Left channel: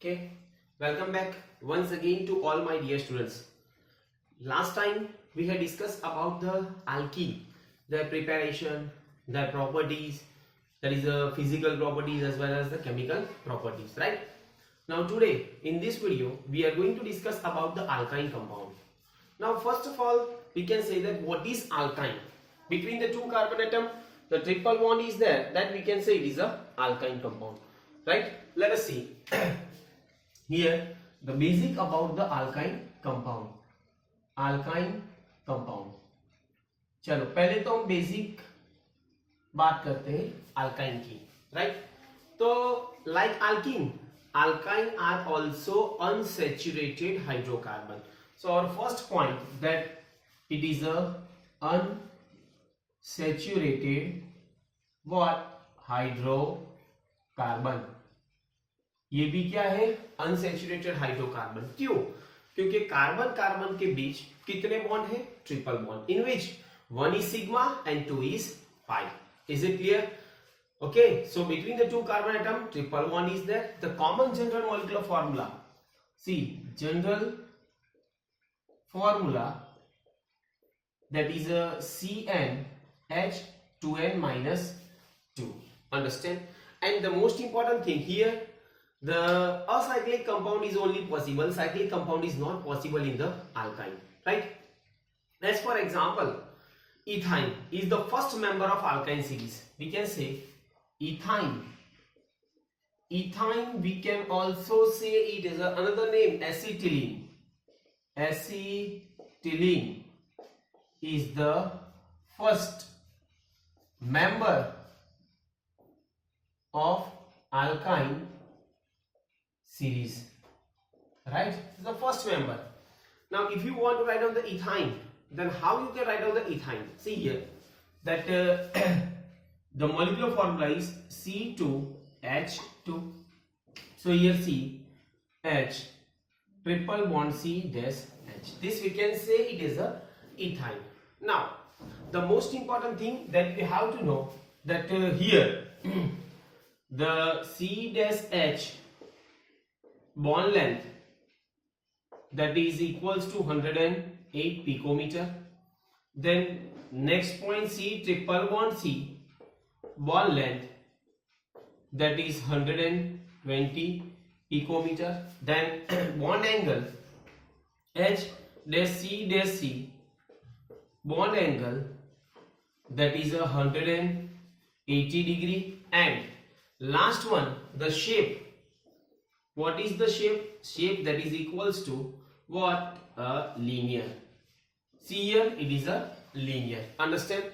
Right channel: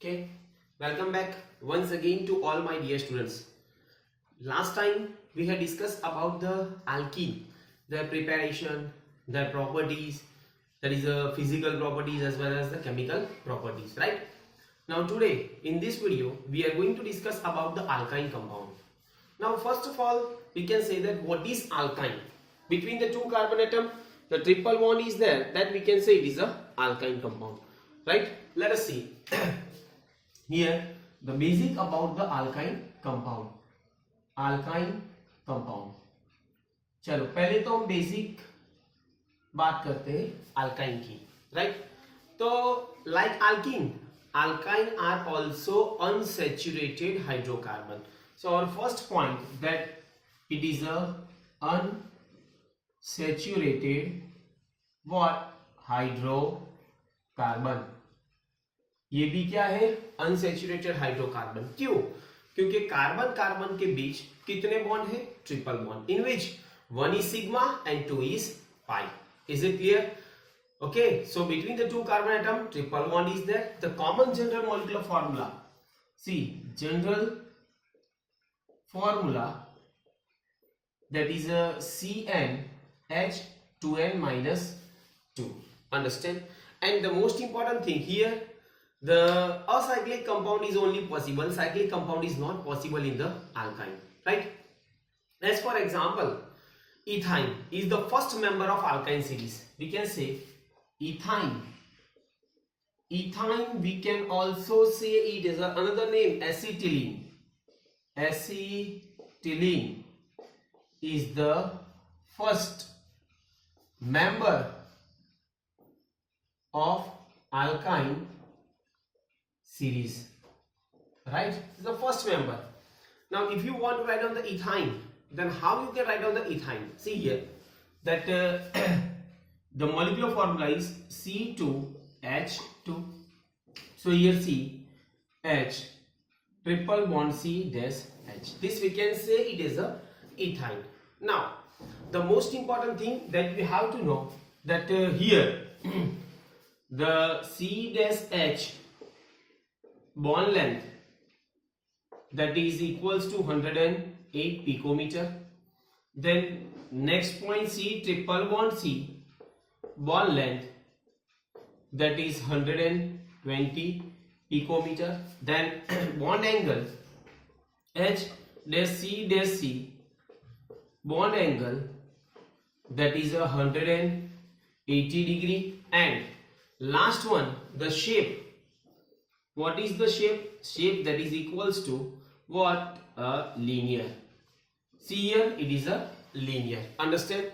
Okay, welcome back once again to all my dear students. Last time we had discussed about the alkene, their preparation, their properties, that is the physical properties as well as the chemical properties, right? Now today in this video we are going to discuss about the alkyne compound. Now first of all we can say that what is alkyne? Between the two carbon atom the triple bond is there, that we can say it is a alkyne compound, right? Let us see. Here the basic about the alkyne compound. चलो पहले तो हम basic बात करते हैं alkyne की, right? तो like alkyne are also unsaturated hydrocarbon. So our first point that it is a unsaturated what hydrocarbon. ये भी क्या है? Unsaturated hydrocarbon. क्यों? क्योंकि कार्बन कार्बन के बीच कितने बॉन्ड है? Triple bond, in which one is sigma and two is pi. Is it clear? Okay, so between the two carbon atom triple bond is there. The common general molecular formula, C general formula that is a CnH2n-2. Understand? And the most important thing here, the acyclic compound is only possible, cyclic compound is not possible in the alkyne, right? As for example, ethyne is the first member of alkyne series. We can say ethyne. We can also say it is another name, acetylene. Acetylene is the first member of alkyne series, right? The first member. Now if you want to write down the ethyne, then how you can write down the ethyne? See here that the molecular formula is C2H2. so here C H triple bond C dash H. This we can say it is a ethyne. Now the most important thing that we have to know that here the C dash H bond length that is equals to 108 picometer. Then next point C triple bond C bond length that is 120 picometer. Then bond angle H dash C bond angle that is 180 degree. And last one, the shape. What is the shape? Shape that is equals to what? A linear. See here it is a linear. Understand?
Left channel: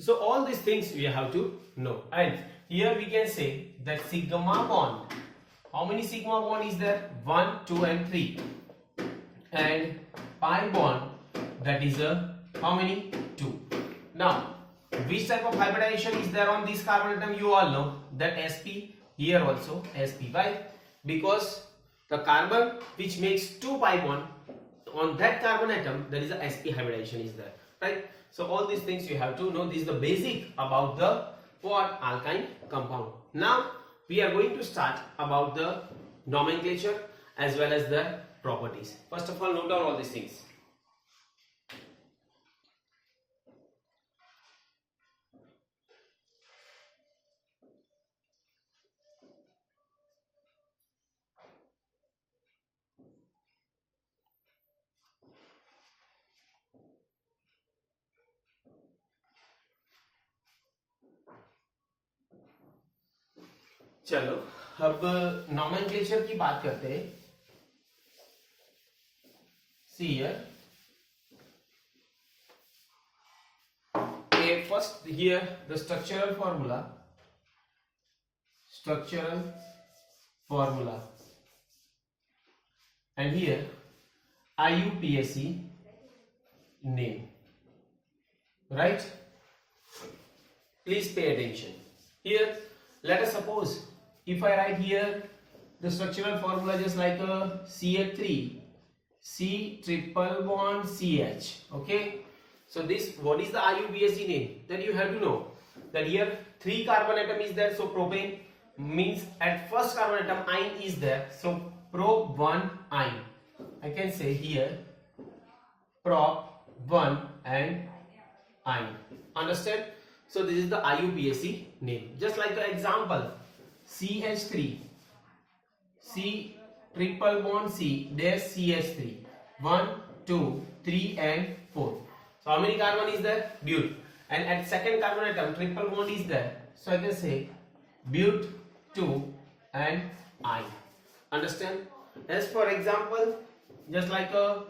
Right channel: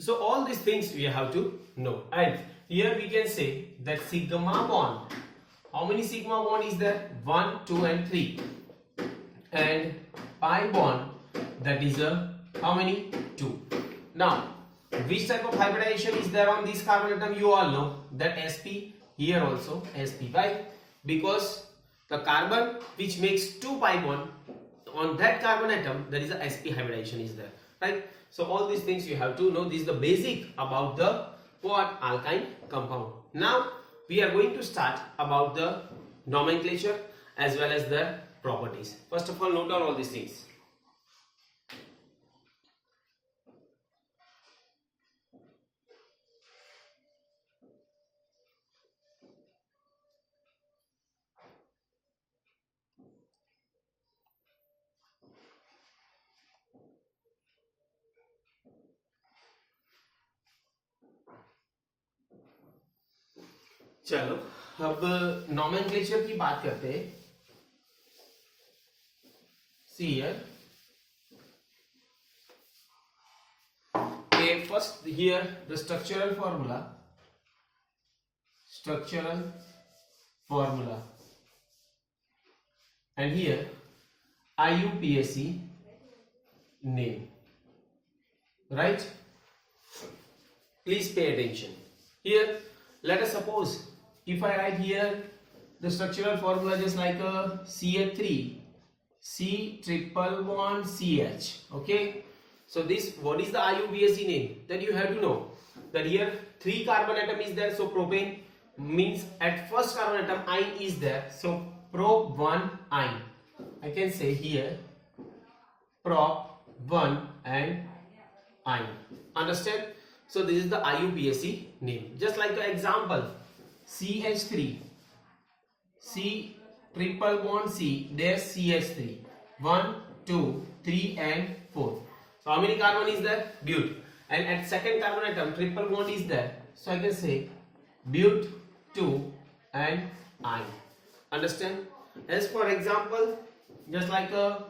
So all these things we have to know. And here we can say that sigma bond, how many sigma bond is there? 1, 2 and 3. And pi bond that is a how many? 2. Now which type of hybridization is there on this carbon atom? You all know that sp. Here also sp. Why? Because the carbon which makes 2 pi bond on that carbon atom, there is a sp hybridization is there, right? So all these things you have to know. This is the basic about the what? Alkyne compound. Now we are going to start about the nomenclature as well as the properties. First of all, note down all these things. चलो अब nomenclature की बात करते हैं. See here, first here the structural formula and here IUPAC name, right? Please pay attention. Here let us suppose if I write here the structural formula just like a CH3 C triple bond CH. Okay, so this what is the IUPAC name? Then you have to know that here 3 carbon atom is there, so propane. means at first carbon atom ion is there, so prop 1 ion. I can say here prop 1 and ion. Understand? So this is the IUPAC name. Just like an example, CH3, C triple bond C dash CH3, 1, 2, 3 and 4. So how many carbon is there? But. And at second carbon atom triple bond is there, so I can say but 2 and ion. Understand? As for example, just like a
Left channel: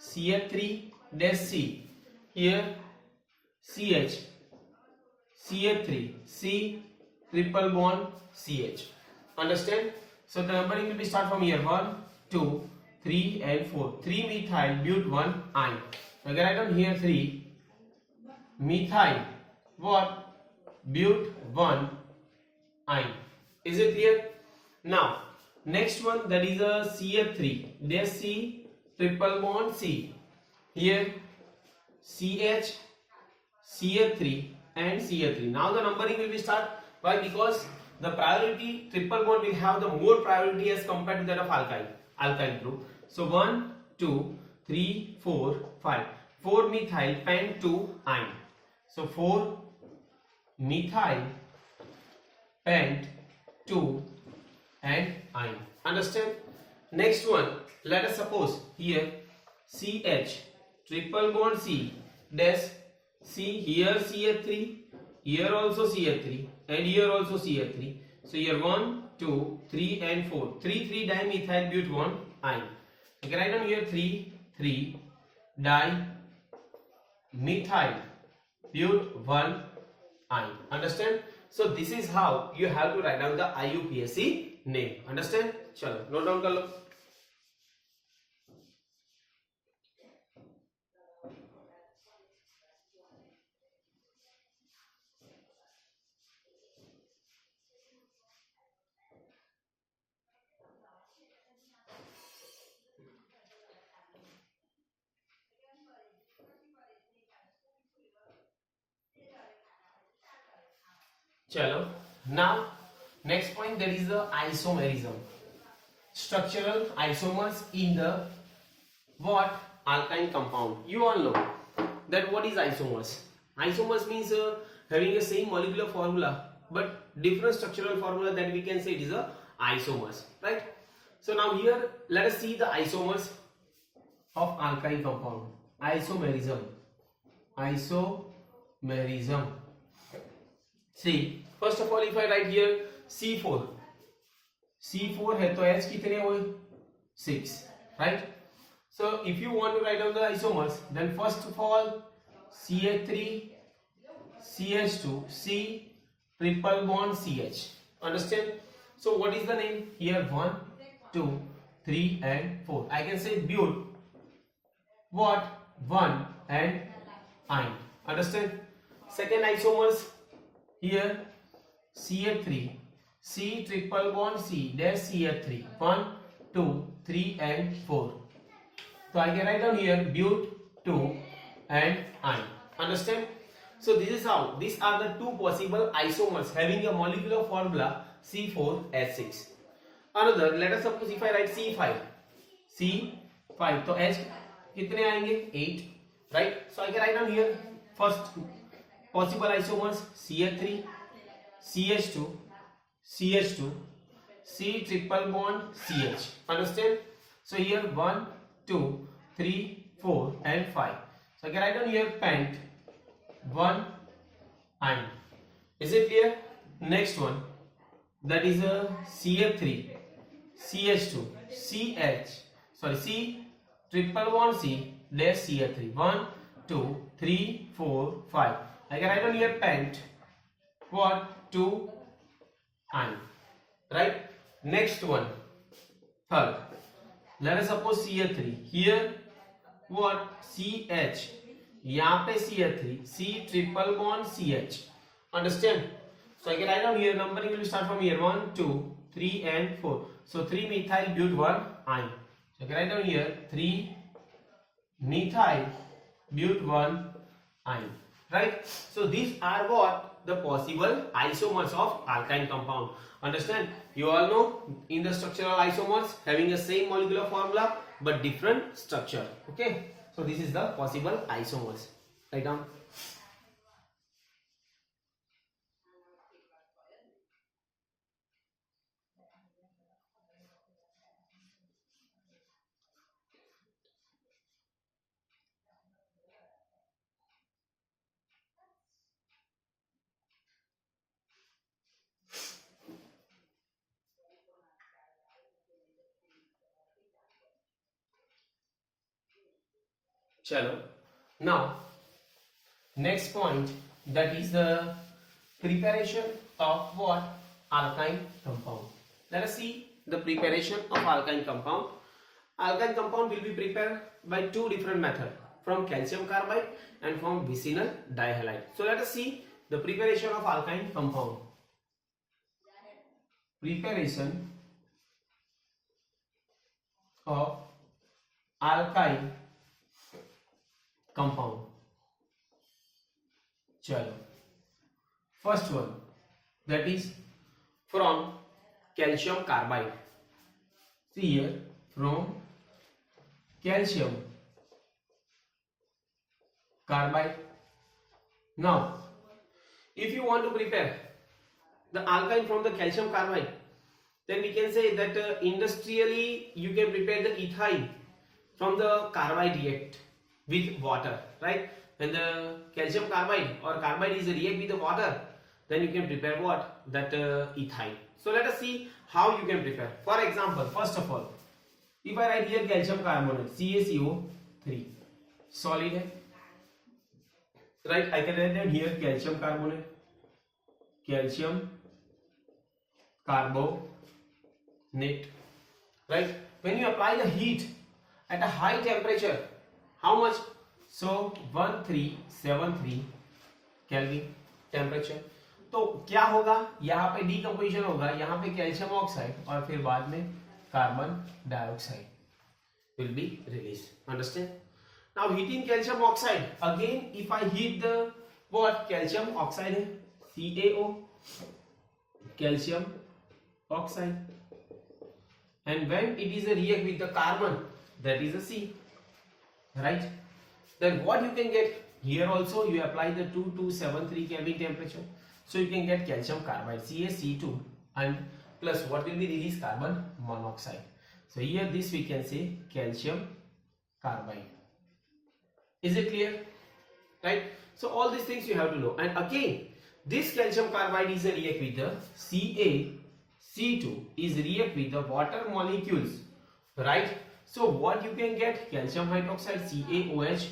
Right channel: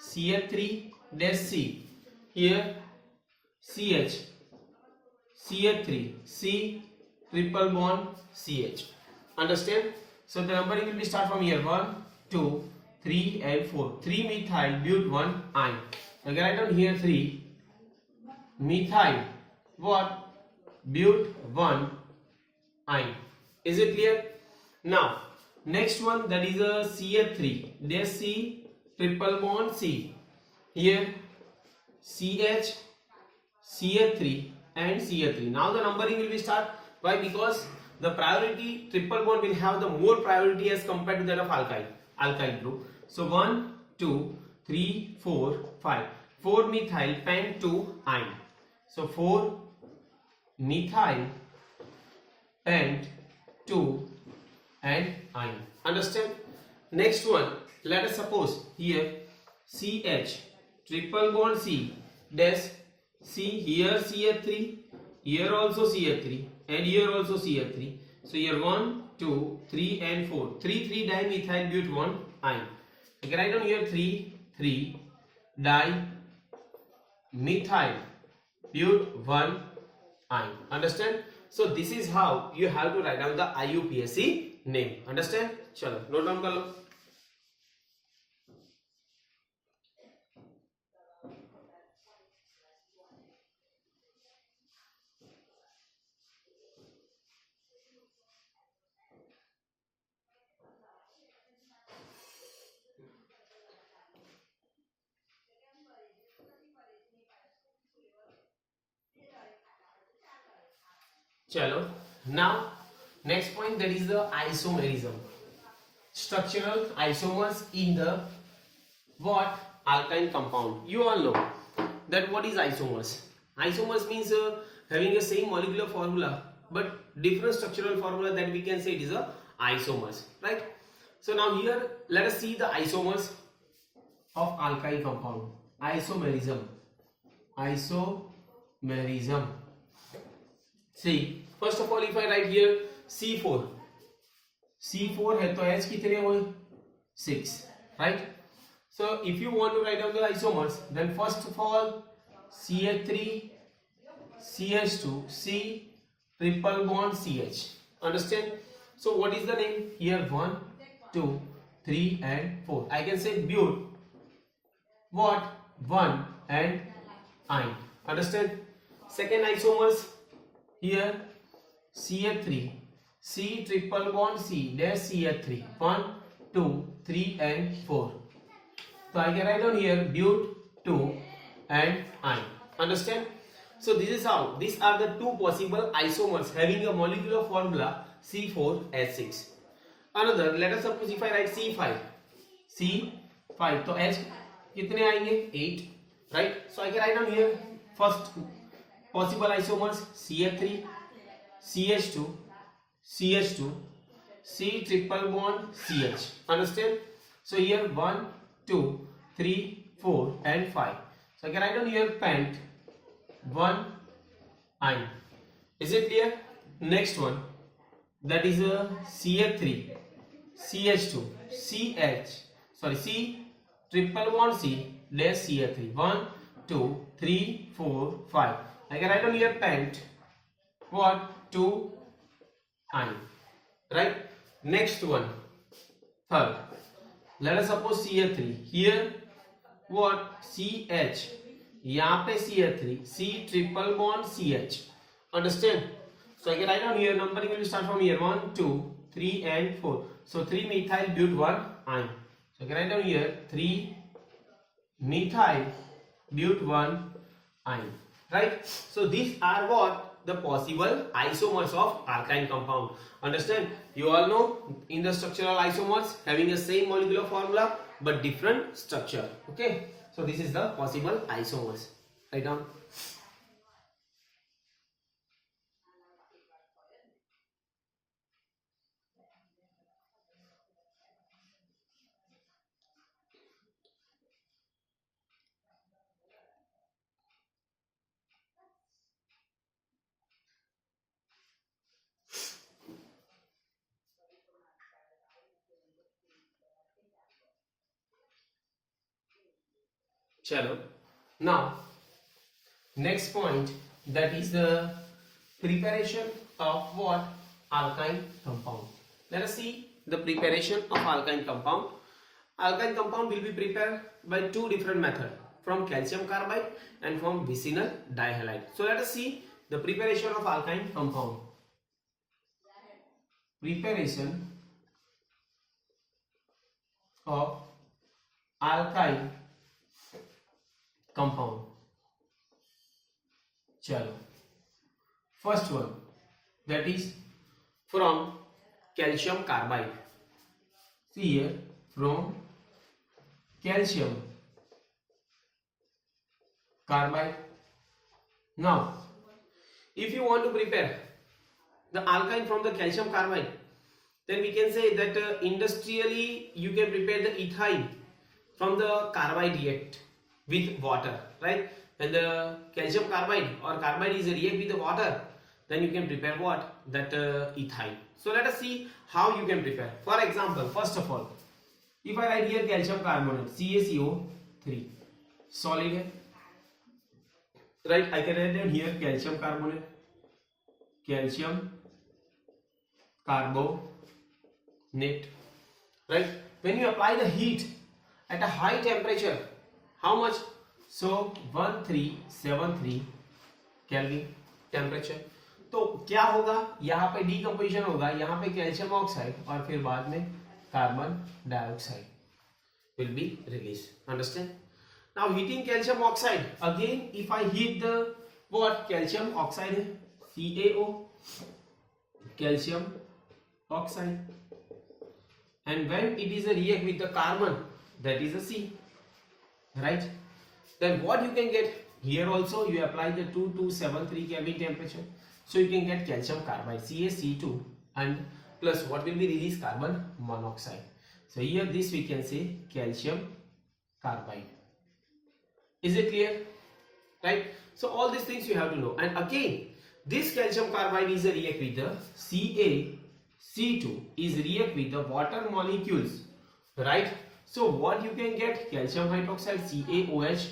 CH3 dash C, here CH, CH3, C triple bond CH. Understand? So the numbering will be start from here 1, 2, 3 and 4. 3 methyl but 1 ion. Again write down here 3 methyl what? But 1 ion. Is it clear? Now next one, that is a CH3 dash C triple bond C. Here CH, CH3 and CH3. Now the numbering will be start. Why? Because the priority triple bond will have the more priority as compared to that of alkyl group. So 1, 2, 3, 4, 5. 4 methyl pen 2 ion. So 4 methyl pen 2 and ion. Understand? Next one, let us suppose here CH triple bond C dash C, here CH3, here also CH3 and here also CH3. So here 1, 2, 3 and 4. 3 dimethyl but 1 ion. You can write down here 3 dimethyl but 1 ion. Understand? So this is how you have to write down the IUPAC name. Understand? Chalo, note down कर लो. Chalo. Now next point, that is the isomerism. Structural isomers in the what? Alkyne compound. You all know that what is isomers. Isomers means having the same molecular formula but different structural formula, that we can say it is a isomers, right? So now here let us see the isomers of alkyne compound. Isomerism. See, first of all, if I write here C4 है तो H कितने हुए? 6, right? So if you want to write down the isomers, then first of all CH3 CH2 C triple bond CH. Understand? So what is the name here? 1, 2, 3 and 4. I can say but what? 1 and ion. Understand? Second isomers here CH3 C triple bond C dash CH3, 1, 2, 3 and 4. So I can write down here but 2 and ion. Understand? So this is how, these are the two possible isomers having a molecular formula C4H6. Another, let us suppose if I write C5 तो H कितने आएंगे? 8, right? So I can write down here first possible isomers CH3 CH2 CH2 C triple bond CH. Understand? So here 1, 2, 3, 4 and 5. So I can write down here pent 1 ion. Is it clear? Next one, that is a CH3 CH2 C triple bond C dash CH3, 1, 2, 3, 4, 5. I can write down here pent what? 2 ion, right? Next one, third, let us suppose CH3 here what? CH, यहाँ पे CH3 C triple bond CH. Understand? So I can write down here, numbering will start from here 1, 2, 3 and 4. So 3 methyl but 1 ion. So I can write down here 3 methyl but 1 ion. right? So these are what the possible isomers of alkyne compound. Understand? You all know in the structural isomers having the same molecular formula but different structure. Okay, so this is the possible isomers. Write down. Chalo. Now next point, that is the preparation of what? Alkyne compound. Let us see the preparation of alkyne compound. Alkyne compound will be prepared by two different methods, from calcium carbide and from vicinal dihalide. So let us see the preparation of alkyne compound. Preparation of alkyne compound. Chalo. First one, that is from calcium carbide. See here, from calcium carbide. Now, if you want to prepare the alkyne from the calcium carbide, then we can say that industrially you can prepare the ethyl from the carbide react with water, right? When the calcium carbide or carbide is react with the water, then you can prepare what? That ethyl. So let us see how you can prepare. For example, first of all, if I write here calcium carbonate, CaCO3, solid है, right? I can write down here calcium carbonate, calcium carbonate, right? When you apply the heat at a high temperature, how much? So 1373 Kelvin temperature. तो क्या होगा? यहाँ पे decomposition होगा, यहाँ पे calcium oxide और फिर बाद में carbon dioxide will be released. Understand? Now heating calcium oxide, again if I heat the what? Calcium oxide, CaO, calcium oxide, and when it is a react with the carbon, that is a C, right? Then what you can get? Here also you apply the 2273 Kelvin temperature, so you can get calcium carbide, CaC2, and plus what will be released? Carbon monoxide. So here this we can say calcium carbide. Is it clear? Right? So all these things you have to know. And again, this calcium carbide is a react with the CaC2 is react with the water molecules, right? So what you can get? Calcium hydroxide, CaOH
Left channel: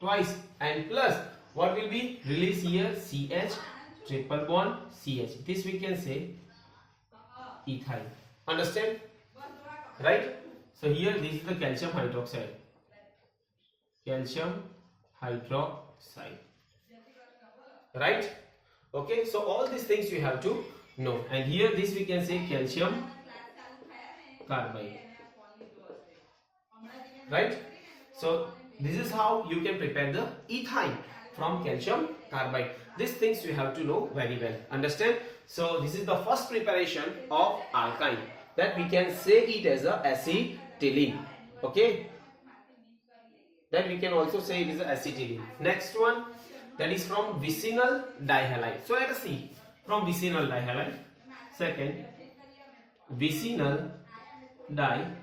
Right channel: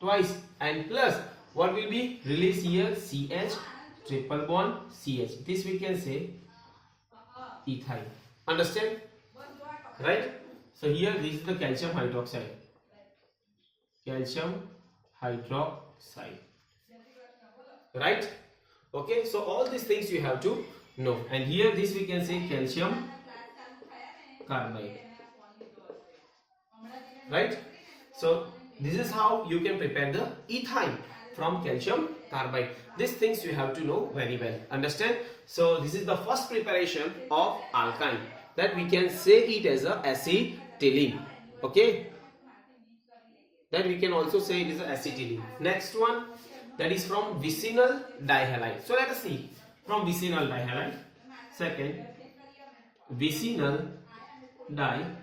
twice, and plus what will be released here? CH triple bond CH. This we can say ethyl. Understand? Right? So here this is the calcium hydroxide. Calcium hydroxide. Right? Okay, so all these things you have to know. And here this we can say calcium carbide. Right? So this is how you can prepare the ethyl from calcium carbide. These things you have to know very well. Understand? So this is the first preparation of alkyne, that we can say it as a acetylene. Okay, that we can also say it is a acetylene. Next one, that is from vicinal dihalide. So let us see from vicinal dihalide. Second, vicinal dihalides.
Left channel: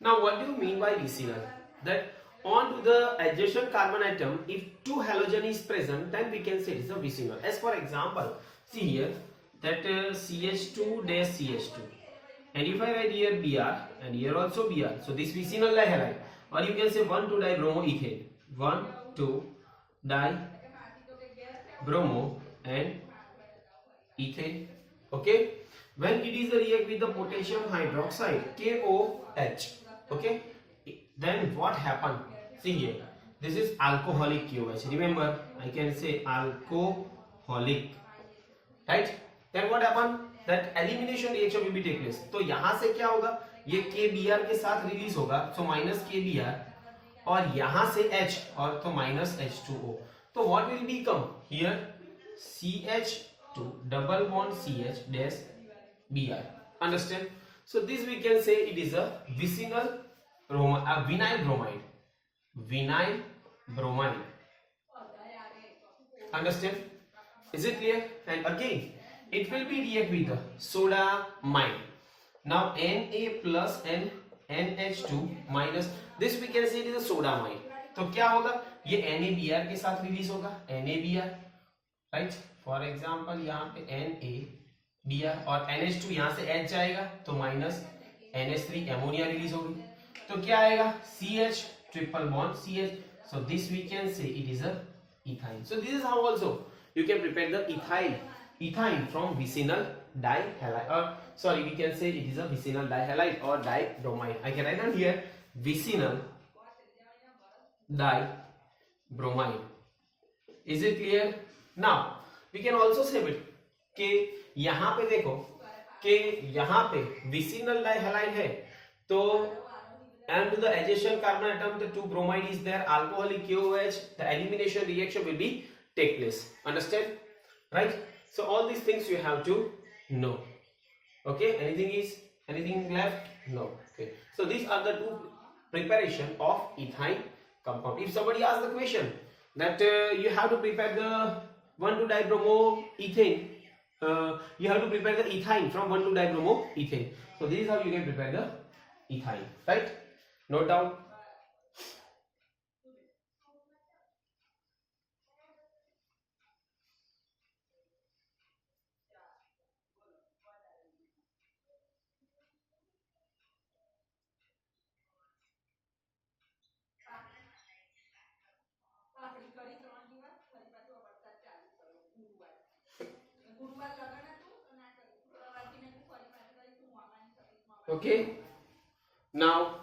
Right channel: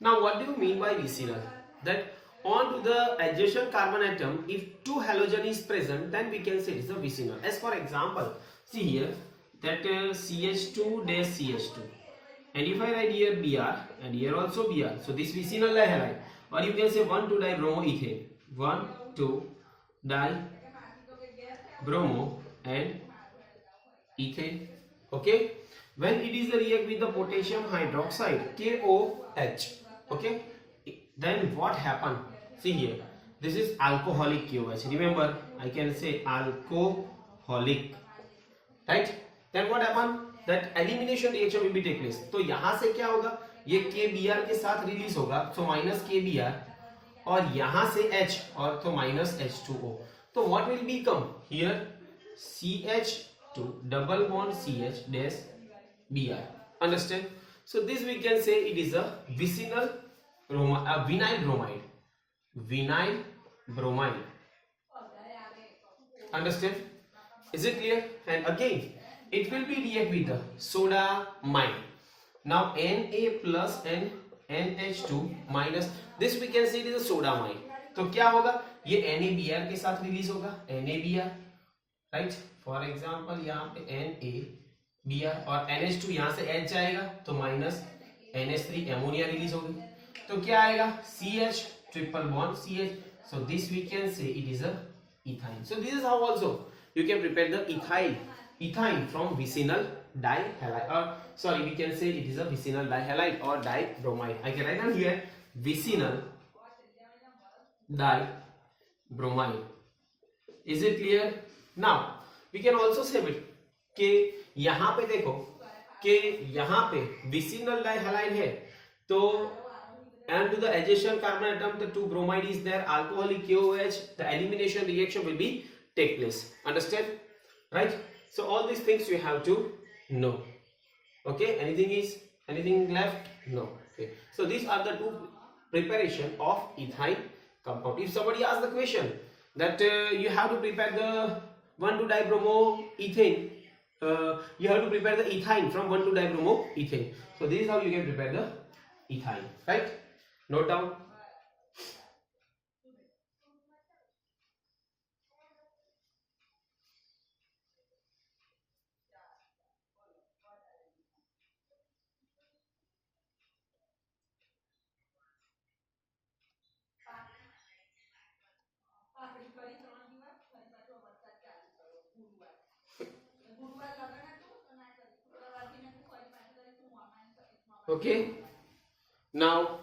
Now what do you mean by vicinal? That onto the adjacent carbon atom, if two halogen is present, then we can say it is a vicinal. As for example, see here that CH2 dash CH2, and if I write here Br and here also Br, so this vicinal dihalide, or you can say 1,2-dibromoethane, 1,2-dibromo and ethane. Okay, when it is a react with the potassium hydroxide, KOH, okay, then what happened? See here, this is alcoholic KOH. Remember, I can say alcoholic, right? Then what happened? That elimination reaction will be take place. तो यहाँ से क्या होगा? ये KBr के साथ release होगा, so minus KBr, और यहां से H और तो माइनस H2O, तो what will become here CH2 double bond CH dash Br. Understand? So this we can say it is a vinyl bromide. Vinyl bromide. Understand? Is it clear? And again, it will be react with the sodamine. Now Na plus and NH2 minus, this we can say it is a sodamine. तो क्या होगा, ये NaBr के साथ release होगा, NaBr, right. For example यहाँ पे NaBr और NH2 यहाँ से H जाएगा तो माइनस NH3 एमोनिया रिलीज होगी, तो क्या आएगा CH triple bond CH. So this we can say it is a ethyne. So this is how also you can prepare the ethyne from vicinal dihalide, or sorry, we can say it is a vicinal dihalide or dibromide. I can write down here vicinal dibromide. Is it clear? Now we can also say it कि यहाँ पे देखो कि यहाँ पे vicinal dihalide है, तो and to the adjacent carbon atom the two bromide is there, alcoholic KOH, the elimination reaction will be take place. Understand? Right? So all these things you have to know. Okay? Anything left? No. Okay. So these are the two preparation of ethyne compound. If somebody asks the question that you have to prepare the 1,2-dibromoethane, you have to prepare the ethyne from 1,2-dibromoethane. So this is how you can prepare the ethyne. Right? Note down. Okay. Now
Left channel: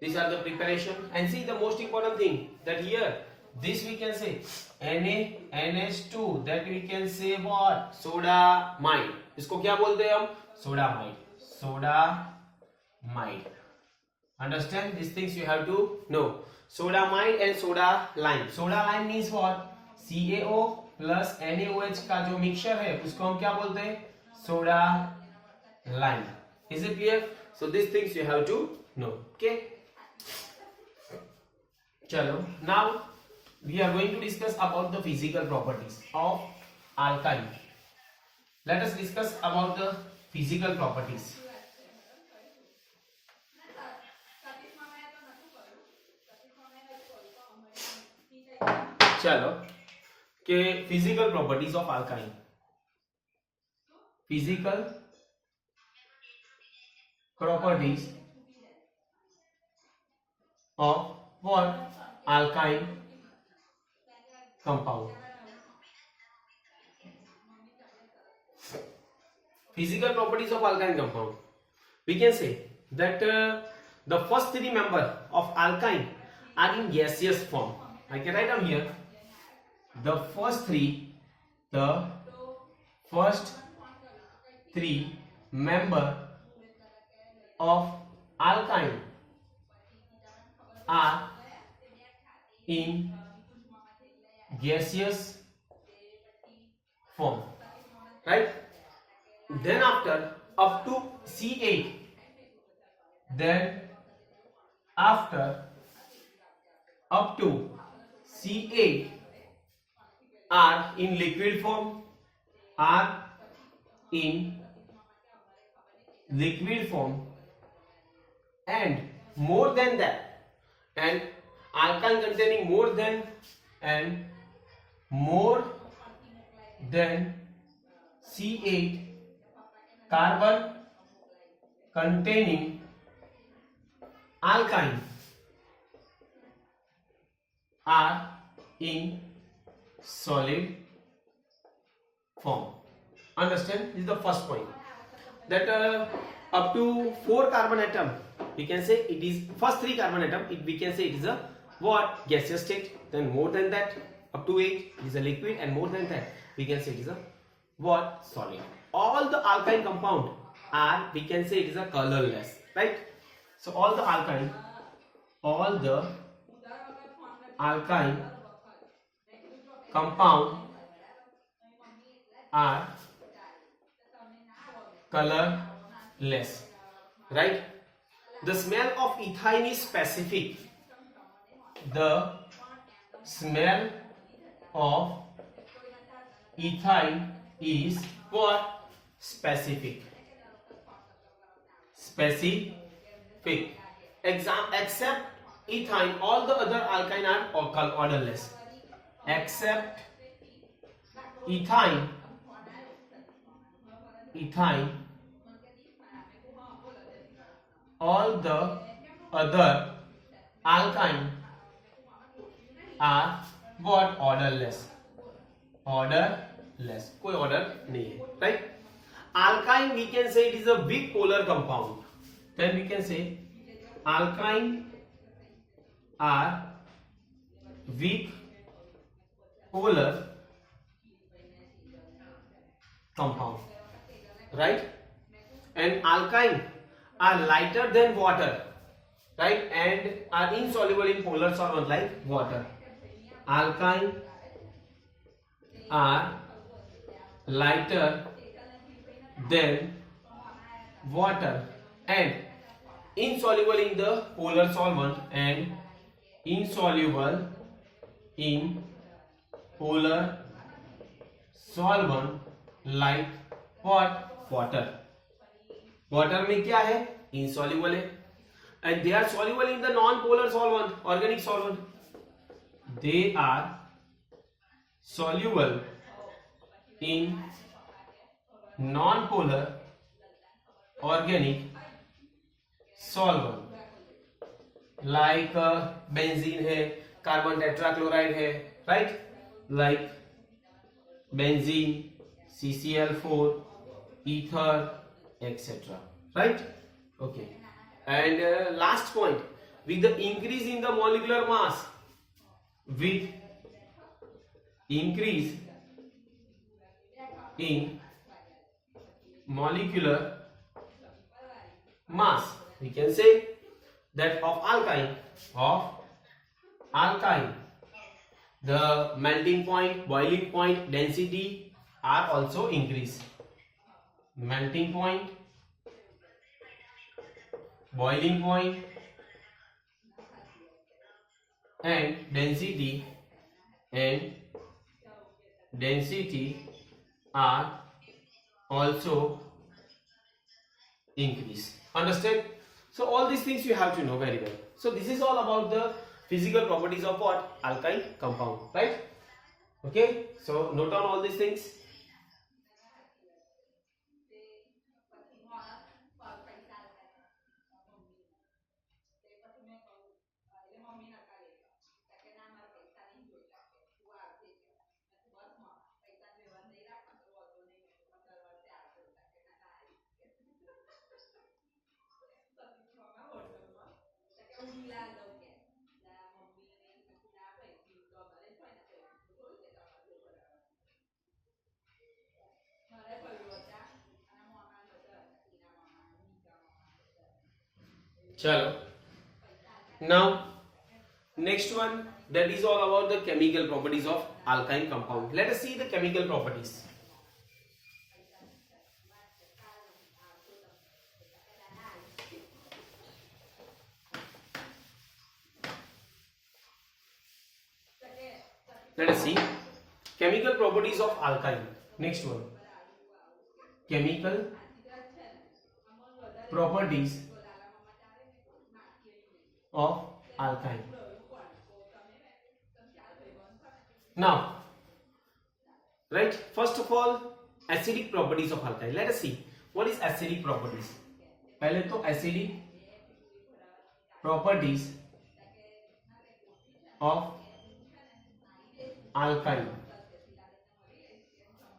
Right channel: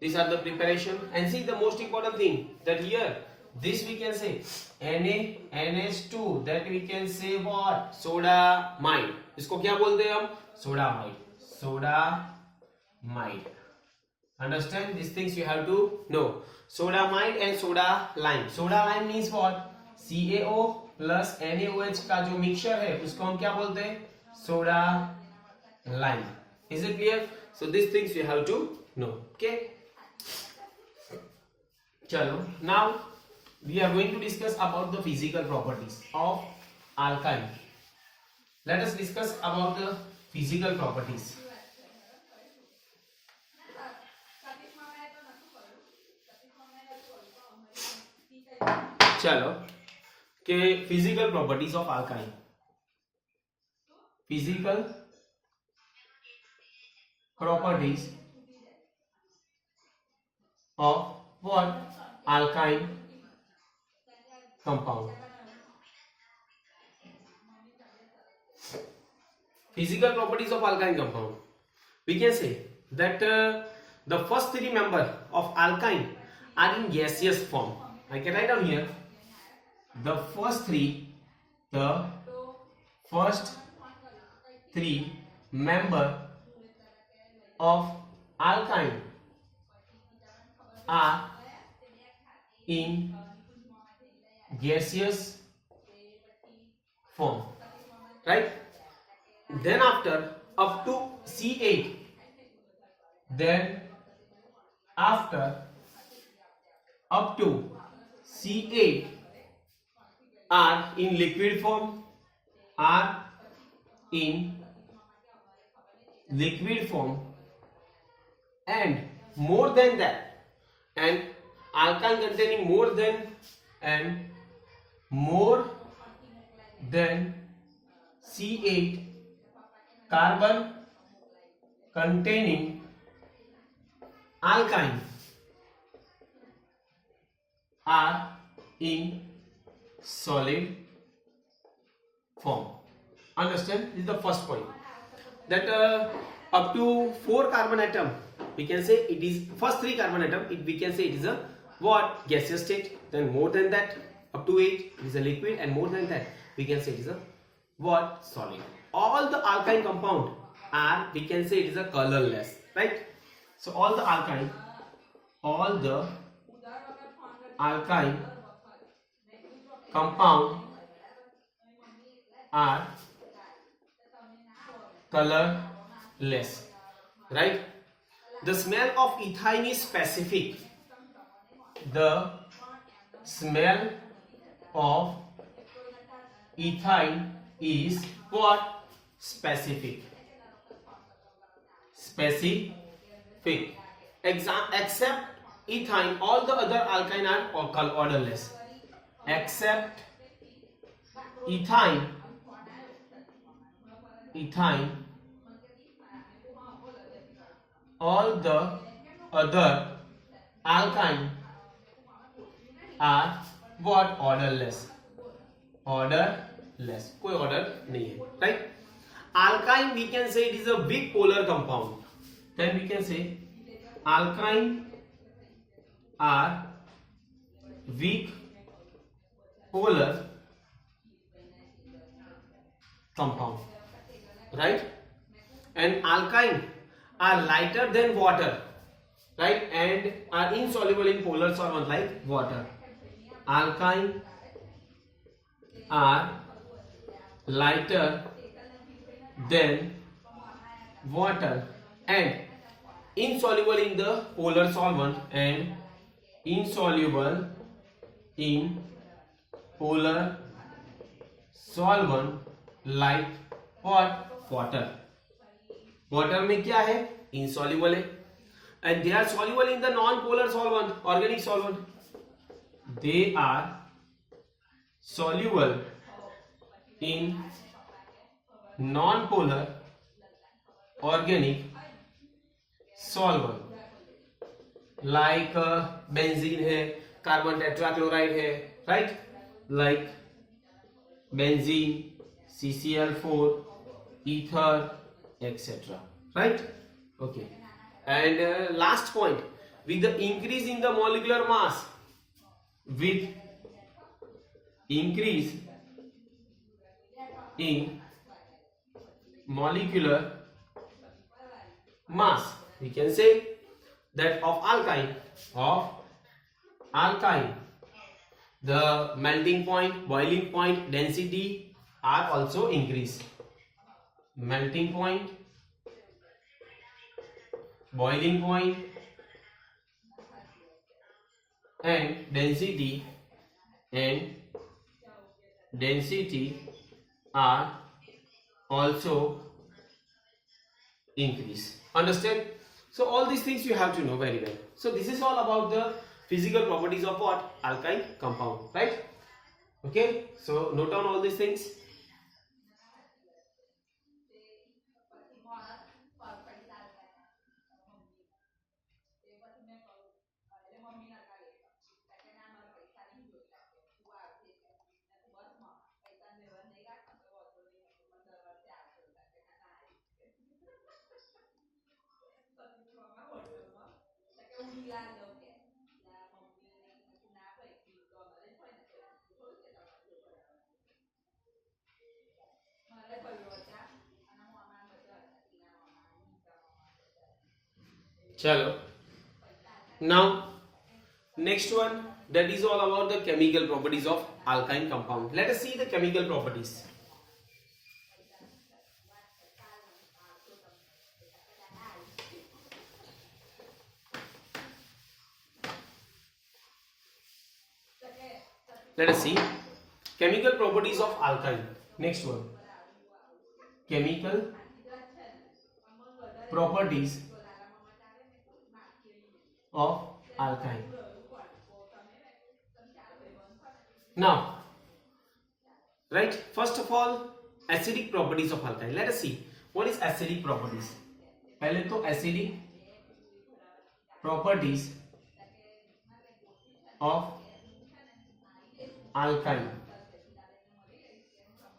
these are the preparation, and see the most important thing that here this we can say NaNH2, that we can say what, sodamide. इसको क्या बोलते हैं हम, sodamide. Understand? These things you have to know. Sodamide and soda lime. Soda lime means what? CaO plus NaOH का जो mixture है उसको हम क्या बोलते हैं, soda lime. Is it clear? So these things you have to know. Okay. Chalo. Now we are going to discuss about the physical properties of alkyne. Let us discuss about the physical properties. चलो के physical properties of alkyne. Physical properties of what? Alkyne compound. Physical properties of alkyne compound. We can say that the first three members of alkyne are in gaseous form. I can write down here the first three member of alkyne are in gaseous form, right? Then after up to C8, then after up to C8 are in liquid form, and more than that, and alkyne containing more than C8 carbon containing alkyne are in solid form. Understand? This is the first point. That up to 4 carbon atom, we can say it is first 3 carbon atom. We can say it is a what, gaseous state. Then more than that, up to 8, it is a liquid, and more than that, we can say it is a what, solid. All the alkyne compound are, we can say it is a colorless, right? So all the alkyne alkyne compound are colorless, right? The smell of ethine is specific. The smell of ethine is what? Specific. Specific. Except ethine, all the other alkyne are odorless. Except ethine, all the other alkyne are what? Odorless. Odorless. कोई order नहीं है, right? Alkyne, we can say it is a weak polar compound. Then we can say alkyne are weak polar compound, right? And alkyne are lighter than water, right? And are insoluble in polar solvent like water. Alkyne are lighter than water and insoluble in the polar solvent and insoluble in polar solvent like what? Water. Water में क्या है? insoluble है. And they are soluble in the non-polar solvent, organic solvent. They are soluble in non-polar organic solvent like benzene है, carbon tetrachloride है, right? Like benzene, CCl4, ether, etc. Right? Okay. And last point, with the increase in the molecular mass, with increase in molecular mass, we can say that of alkyne, the melting point, boiling point, density are also increased. Melting point, boiling point, and density are also increase. Understand? So all these things you have to know very well. So this is all about the physical properties of what? Alkyne compound, right? Okay, so note down all these things. Chalo. Now next one, that is all about the chemical properties of alkyne compound. Let us see the chemical properties. Let us see chemical properties of alkyne. Next one, chemical properties of alkyne. Now, right, first of all, acidic properties of alkyne. Let us see what is acidic properties. पहले तो acidic properties of alkyne.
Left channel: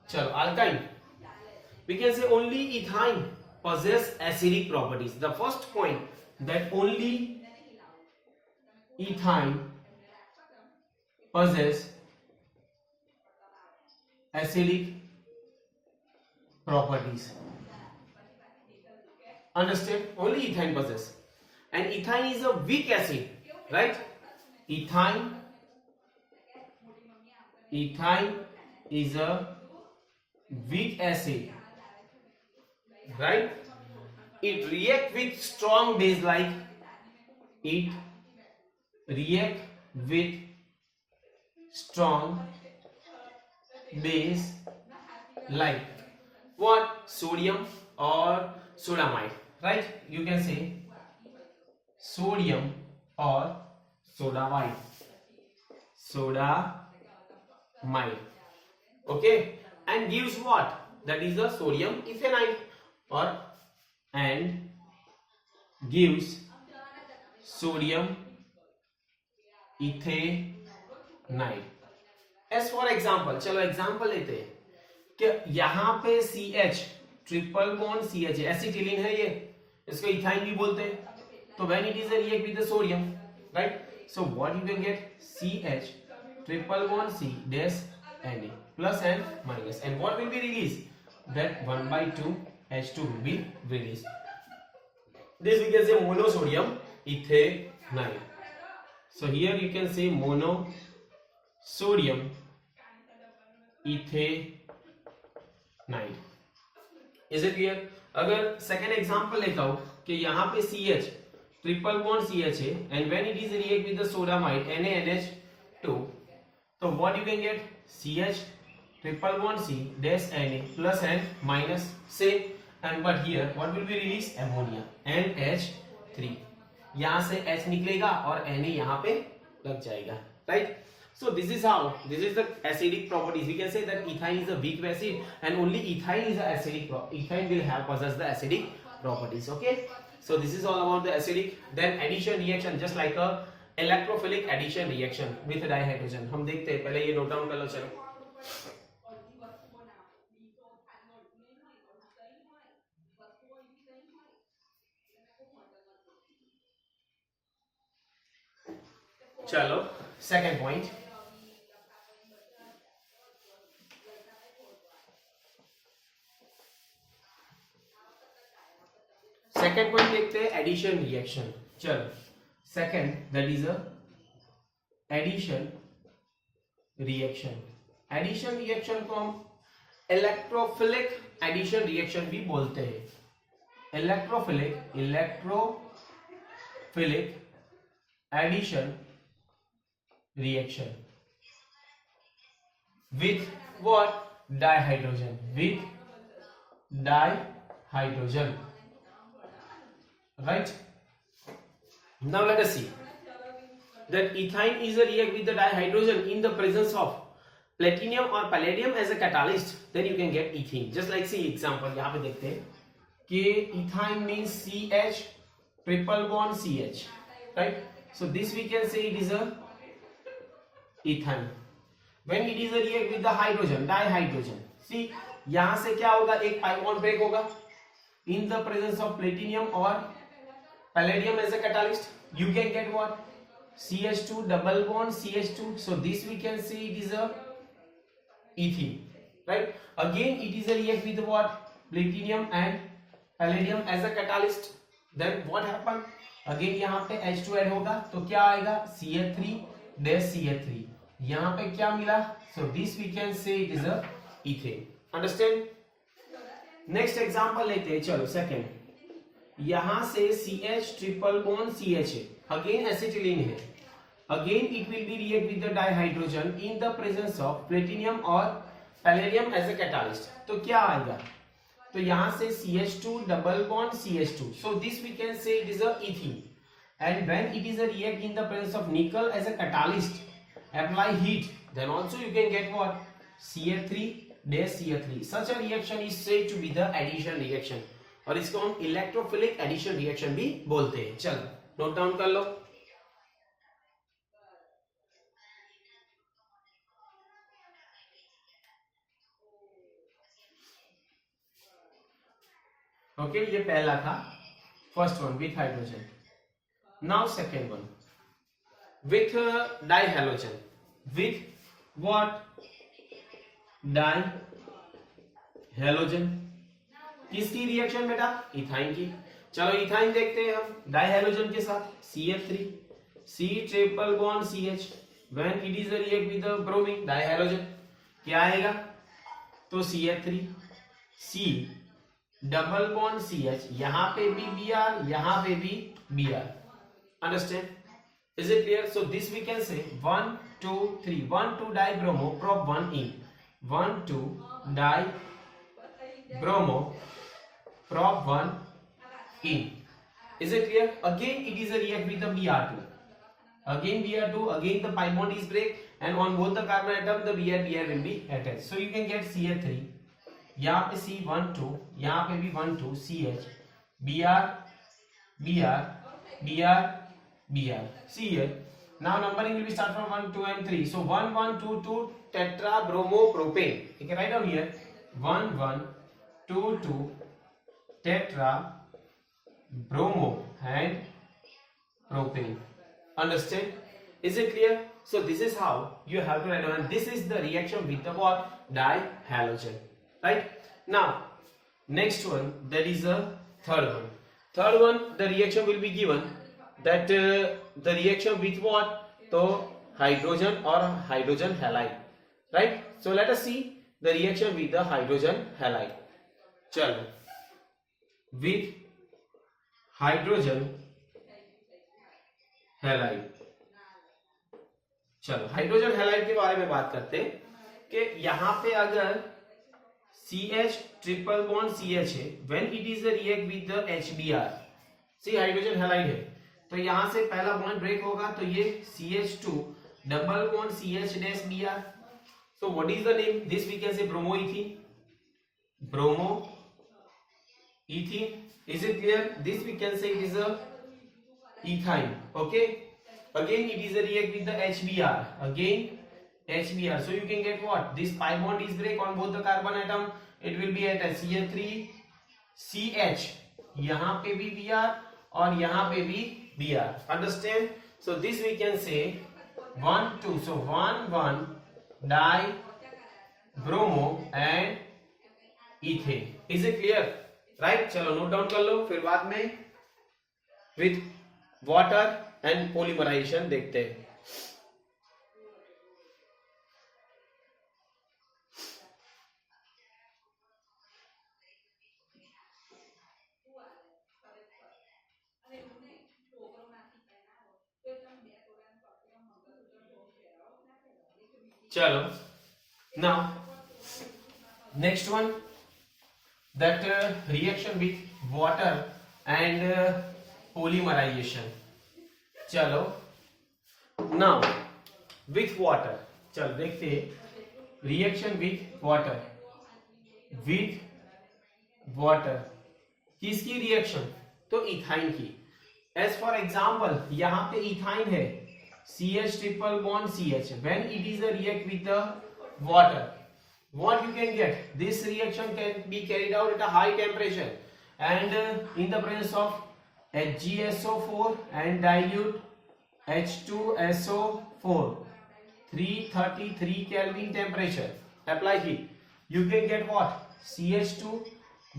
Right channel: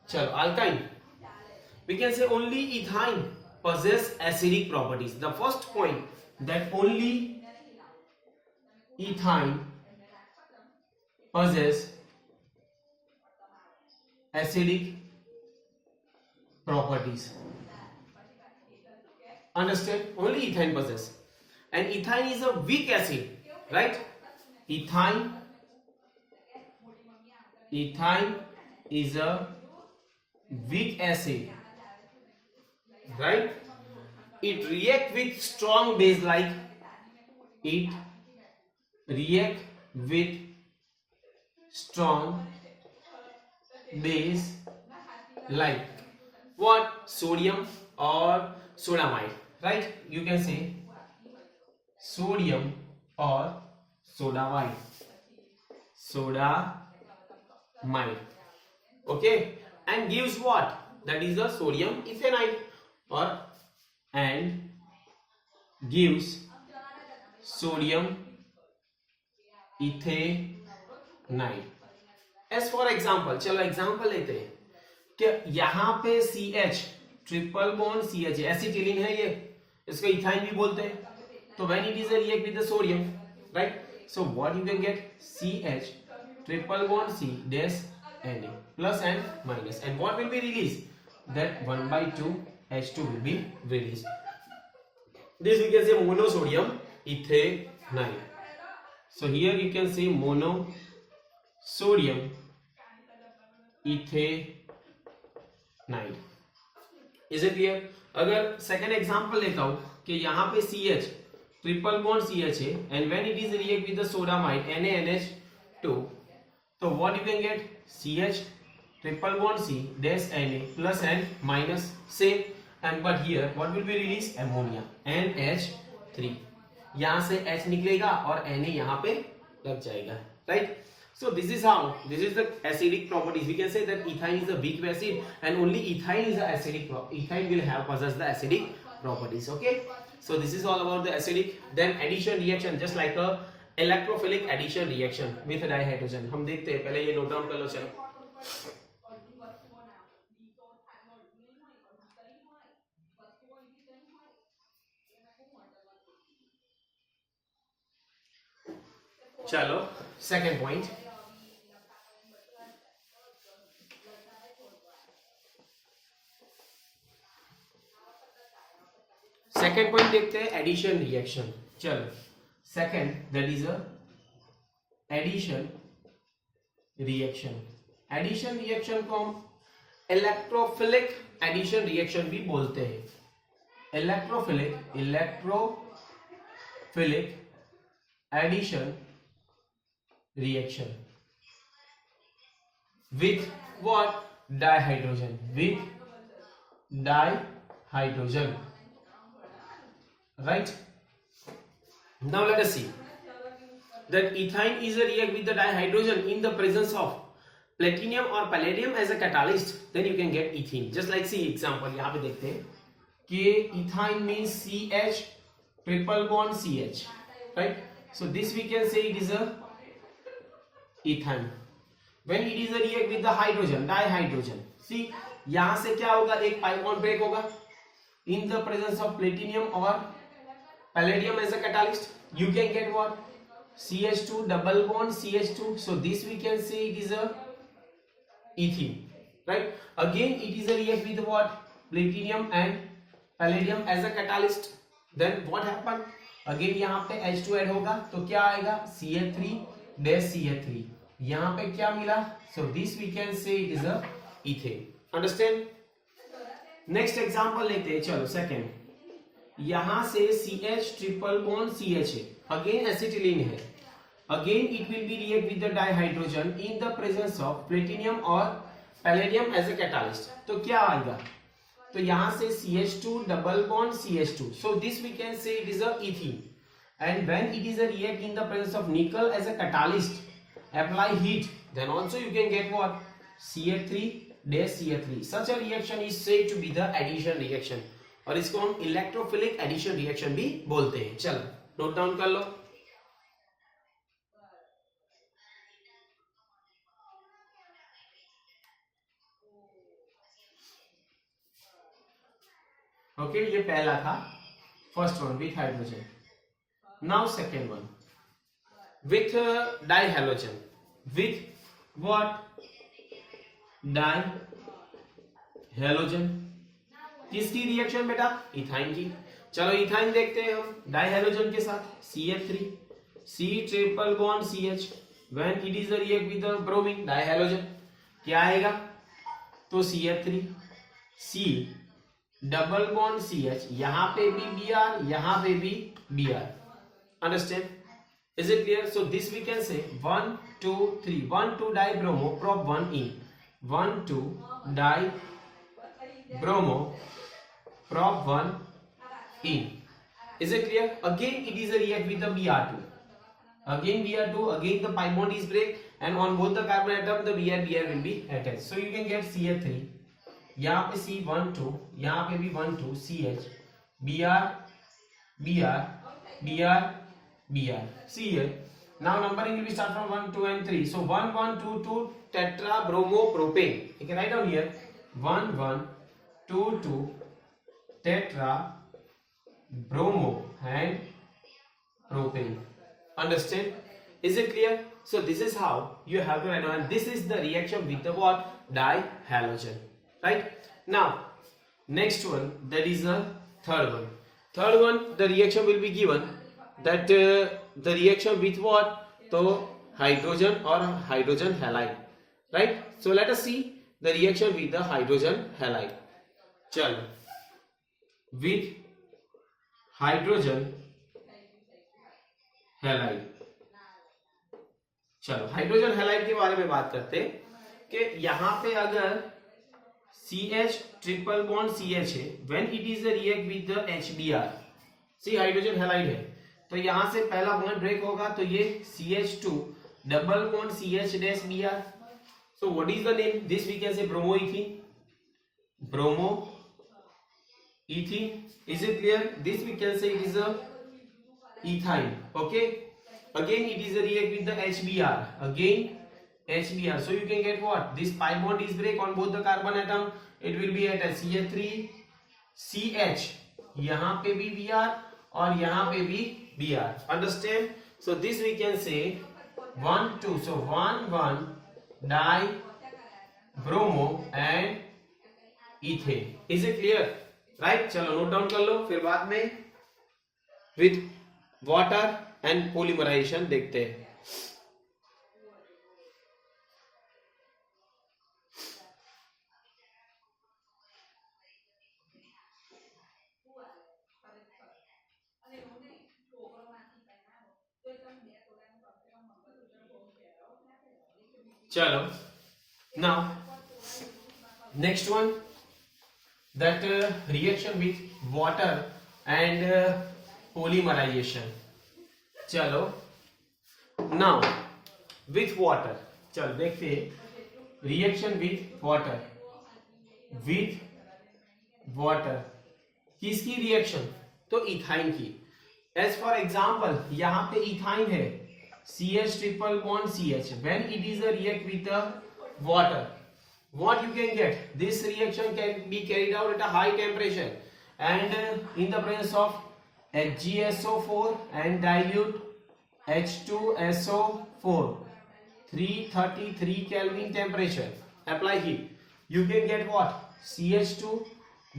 चलो, alkyne, we can say only ethyne possess acidic properties. The first point, that only ethyne possess acidic properties. Understand? Only ethyne possess. And ethyne is a weak acid, right? Ethyne ethyne is a weak acid, right? It react with strong base like it react with strong base like what? Sodium or sodamide, right? You can say sodium or sodamide, okay, and gives what? That is the sodium ethanide, or and gives sodium ethanide. As for example, चलो example लेते हैं कि यहां पे CH triple bond CH acetylene है, ये इसको ethyne भी बोलते हैं. तो when it is a react with the sodium, right, so what you can get CH triple bond C dash Na plus and minus, and what will be released? That 1/2 H2 will be released. This we can say monosodium ethanide. So here you can say monosodium ethanide. Is it clear? अगर second example लेता हूं कि यहाँ पे CH triple bond CH है, and when it is react with the sodamide NaNH2, तो what you can get? CH triple bond C dash Na plus and minus same, and but here what will be released? Ammonia NH3. यहाँ से H निकलेगा और Na यहाँ पे लग जाएगा, right? So this is how, this is the acidic properties. We can say that ethyne is a weak acid, and only ethyne is the acidic. Ethyne will help possess the acidic properties. Okay. So this is all about the acidic. Then addition reaction, just like a electrophilic addition reaction with dihydrogen. हम देखते हैं, पहले ये note down कर लो. चलो second point. Second point देखते हैं, addition reaction. चलो second, that is a addition reaction. Addition reaction को हम इलेक्ट्रोफिलिक एडिशन रिएक्शन भी बोलते हैं. Electrophilic addition reaction with what? Dihydrogen, with dihydrogen, right? Now let us see that ethyne is a react with the dihydrogen in the presence of platinum or palladium as a catalyst, then you can get ethene. Just like see example यहाँ पे देखते हैं कि ethyne means CH triple bond CH, right? So this we can say it is a ethyne. When it is a react with the hydrogen, dihydrogen, see यहां से क्या होगा? एक pi bond break होगा in the presence of platinum or palladium as a catalyst. You can get what? CH2 double bond CH2. So this we can say it is a ethene, right? Again it is a react with what? Platinum and palladium as a catalyst. Then what happen? Again यहाँ पे H2 add होगा, तो क्या आएगा? CH3 dash CH3. यहाँ पे क्या मिला? So this we can say it is a ethane. Understand? Next example लेते हैं. चलो सेकेंड, यहाँ से CH ट्रिपल बॉन्ड CH है, अगेन एसिटिलीन है. Again it will be react with the dihydrogen in the presence of platinum or palladium as a catalyst. तो क्या आएगा? तो यहाँ से CH2 double bond CH2. So this we can say it is a ethene. And when it is a react in the presence of nickel as a catalyst, apply heat, then also you can get what? CH3 dash CH3. Such a reaction is said to be the addition reaction, और इसको हम electrophilic addition reaction भी बोलते हैं. चलो note down कर लो. Okay, ये पहला था, first one with hydrogen. Now second one with dihalogen. With what? Dihalogen. किसकी रिएक्शन बेटा? इथाइन की. चलो इथाइन देखते हैं हम डाइहेलोजन के साथ. CH3 C triple bond CH when it is a react with the bromine dihalogen क्या आएगा? तो CH3 C double bond CH, यहाँ पे भी Br, यहाँ पे भी Br. Understand? Is it clear? So this we can say 1 2 3 1 2 dibromo prop 1 in 1 2 dibromo prop 1 in. Is it clear? Again it is a react with the Br2. Again Br2, again the pi bond is break and on both the carbon atom the Br will be attached. So you can get CH3, यहाँ पे C12, यहाँ पे भी 1 2 CH Br Br Br Br. See here. Now numbering will be start from 1 2 and 3. So 1 1 2 2 tetra bromo propane. You can write down here 1 1 2 2 tetra bromo and propane. Understand? Is it clear? So this is how you have to write down. And this is the reaction with the what? Dihalogen. Right? Now next one, that is the third one. Third one, the reaction will be given that the reaction with what? So hydrogen or hydrogen halide. Right? So let us see the reaction with the hydrogen halide. Chalo. With hydrogen halide. चलो hydrogen halide के बारे में बात करते हैं कि यहाँ पे अगर CH ट्रिपल बॉन्ड CH है, when it is a react with the HBr, see hydrogen halide है, तो यहाँ से पहला बॉन्ड ब्रेक होगा तो ये CH2 double bond CH dash Br. So what is the name? This we can say bromoethene. Bromoethene. Is it clear? This we can say it is a ethyne. Okay. Again it is a react with the HBr. Again HBr. So you can get what? This pi bond is break on both the carbon atom. It will be at a CH3 CH. यहाँ पे भी Br और यहाँ पे भी Br. Understand? So this we can say 1 2. So 1 1 dibromo and ethane. Is it clear? Right? चलो note down कर लो, फिर बाद में with water and polymerization देखते हैं. चलो now next one, that reaction with water and polymerization. चलो now with water, चलो देखते हैं reaction with water किसकी रिएक्शन? तो इथाइन की. एज फॉर एग्जाम्पल यहाँ पे इथाइन है CH triple bond CH. When it is a react with the water, what you can get? This reaction can be carried out at a high temperature and in the presence of HgSO4 and dilute H2SO4, 333 Kelvin temperature. Apply heat. You can get what? CH2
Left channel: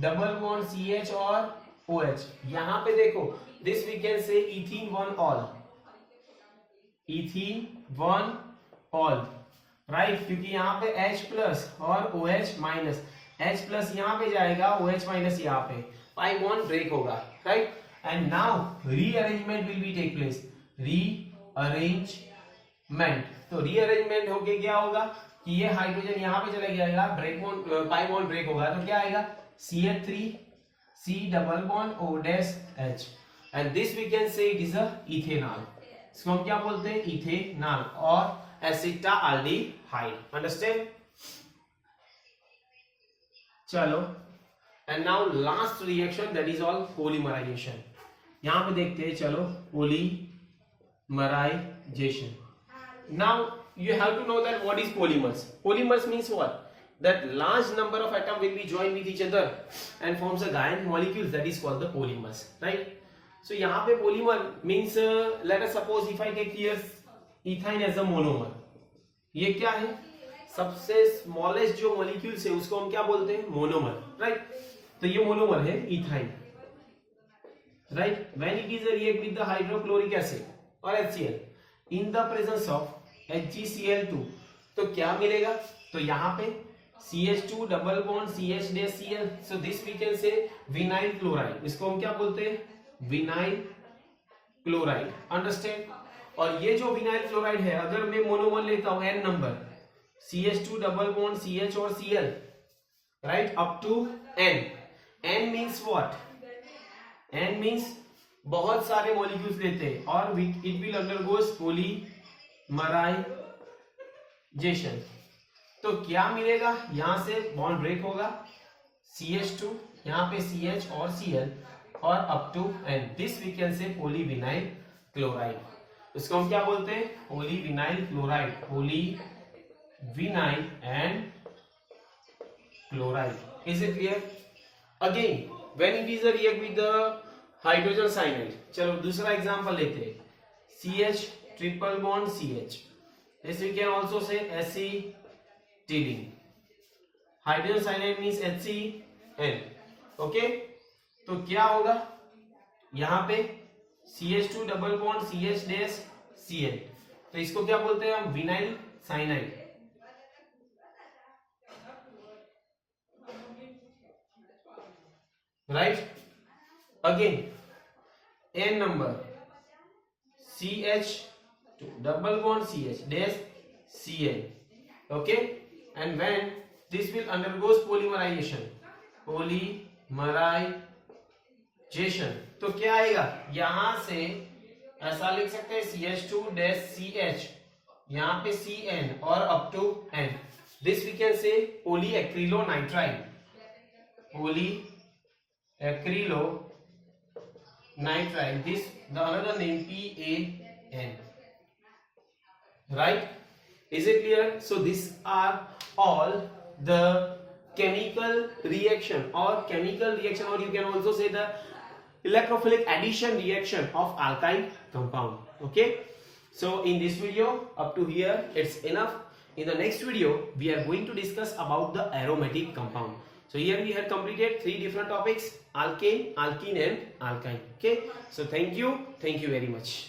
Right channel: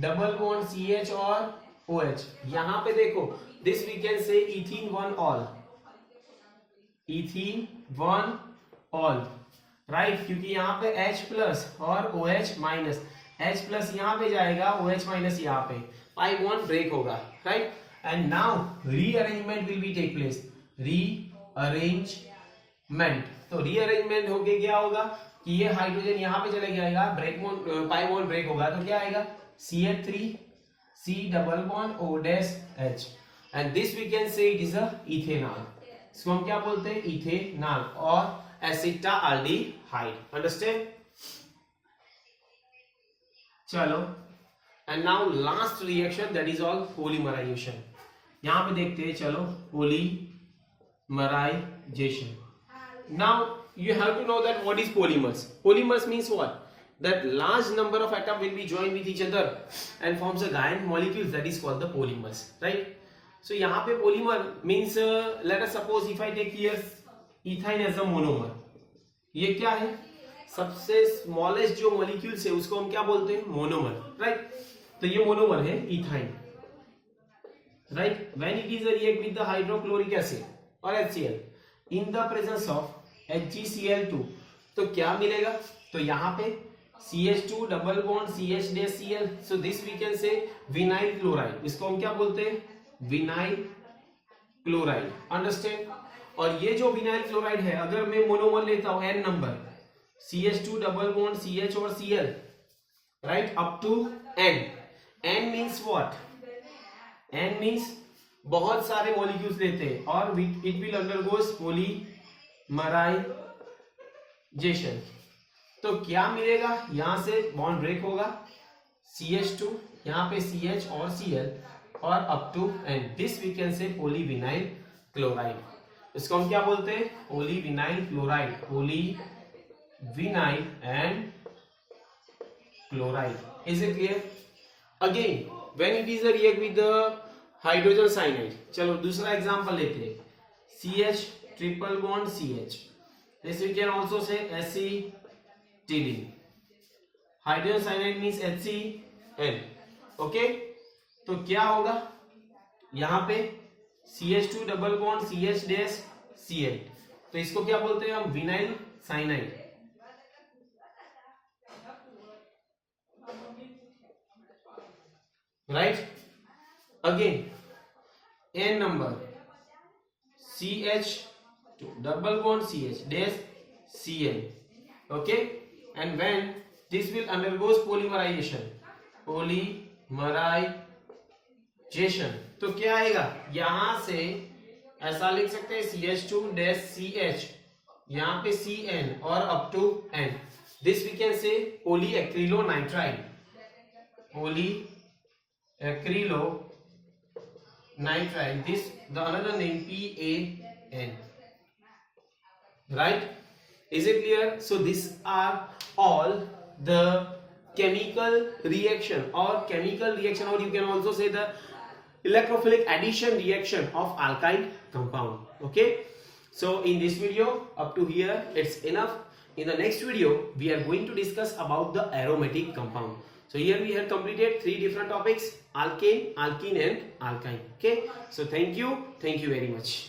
double bond CH or OH. यहाँ पे देखो, this we can say ethene 1 all. ethene 1 all, right? क्योंकि यहाँ पे H plus और OH minus, H plus यहाँ पे जाएगा, OH माइनस यहाँ पे, pi bond ब्रेक होगा, right? And now rearrangement will be take place. Rearrangement, तो रीअरेंजमेंट होके क्या होगा कि ये हाइड्रोजन यहाँ पे चले जाएगा, break bond pi bond break होगा, तो क्या आएगा? CH3 C double bond O dash H, and this we can say it is a ethanol. इसको हम क्या बोलते हैं? इथेनॉल और एसिटाल्डिहाइड. अंडरस्टैंड? चलो and now last reaction, that is all polymerization. यहां पे देखते हैं, चलो polymerization. Now you have to know that what is polymers. Polymers means what? That large number of atoms will be joined with each other and forms a giant molecules, that is called the polymers, right? So यहाँ पे polymer means let us suppose if I take here ethane as a monomer. ये क्या है? सबसे smallest जो molecules है उसको हम क्या बोलते हैं? Monomer, right? तो ये मोनोमर है ethane, right? When it is a react with the hydrochloric acid or HCl in the presence of HgCl2, तो क्या मिलेगा? तो यहाँ पे CH2 double bond CH dash Cl, so this we can say vinyl chloride, इसको हम क्या बोलते हैं? Vinyl chloride, understand. और ये जो विनाइल क्लोराइड है, अगर मैं मोनोमर लेता हूं n number, CH2 double bond CH और Cl, right, up to n, n means what? n means बहुत सारे मॉलिक्यूल्स लेते हैं और इट विल अंडरगोस पॉलीमराइजेशन। तो क्या मिलेगा? यहां से बॉन्ड ब्रेक होगा, CH2, यहां पे CH और Cl और up to n, this we can say polyvinyl chloride. इसको हम क्या बोलते हैं? Polyvinyl chloride, polyvinyl and chloride. Is it clear? Again when it is a react with the hydrogen cyanide, चलो दूसरा एग्जांपल लेते हैं, CH triple bond CH, this we can also say acetylene, hydrogen cyanide means HCl, okay. तो क्या होगा? यहां पे CH2 double bond CH dash Cl, तो इसको क्या बोलते हैं हम? Vinyl cyanide, right. Again n number CH2 double bond CH dash Cl, okay, and when this will undergoes polymerization, तो क्या आएगा? यहां से ऐसा लिख सकते हैं CH2 डैश CH, यहां पे Cn और up to n, this we can say polyacrylonitrile, polyacrylonitrile, this the another name PAN, right? Is it clear? So these are all the chemical reaction or you can also say the electrophilic addition reaction of alkyl compound, okay? So in this video up to here it's enough. In the next video we are going to discuss about the aromatic compound. So here we have completed 3 different topics: alkane, alkene and alkyne, okay? So thank you very much.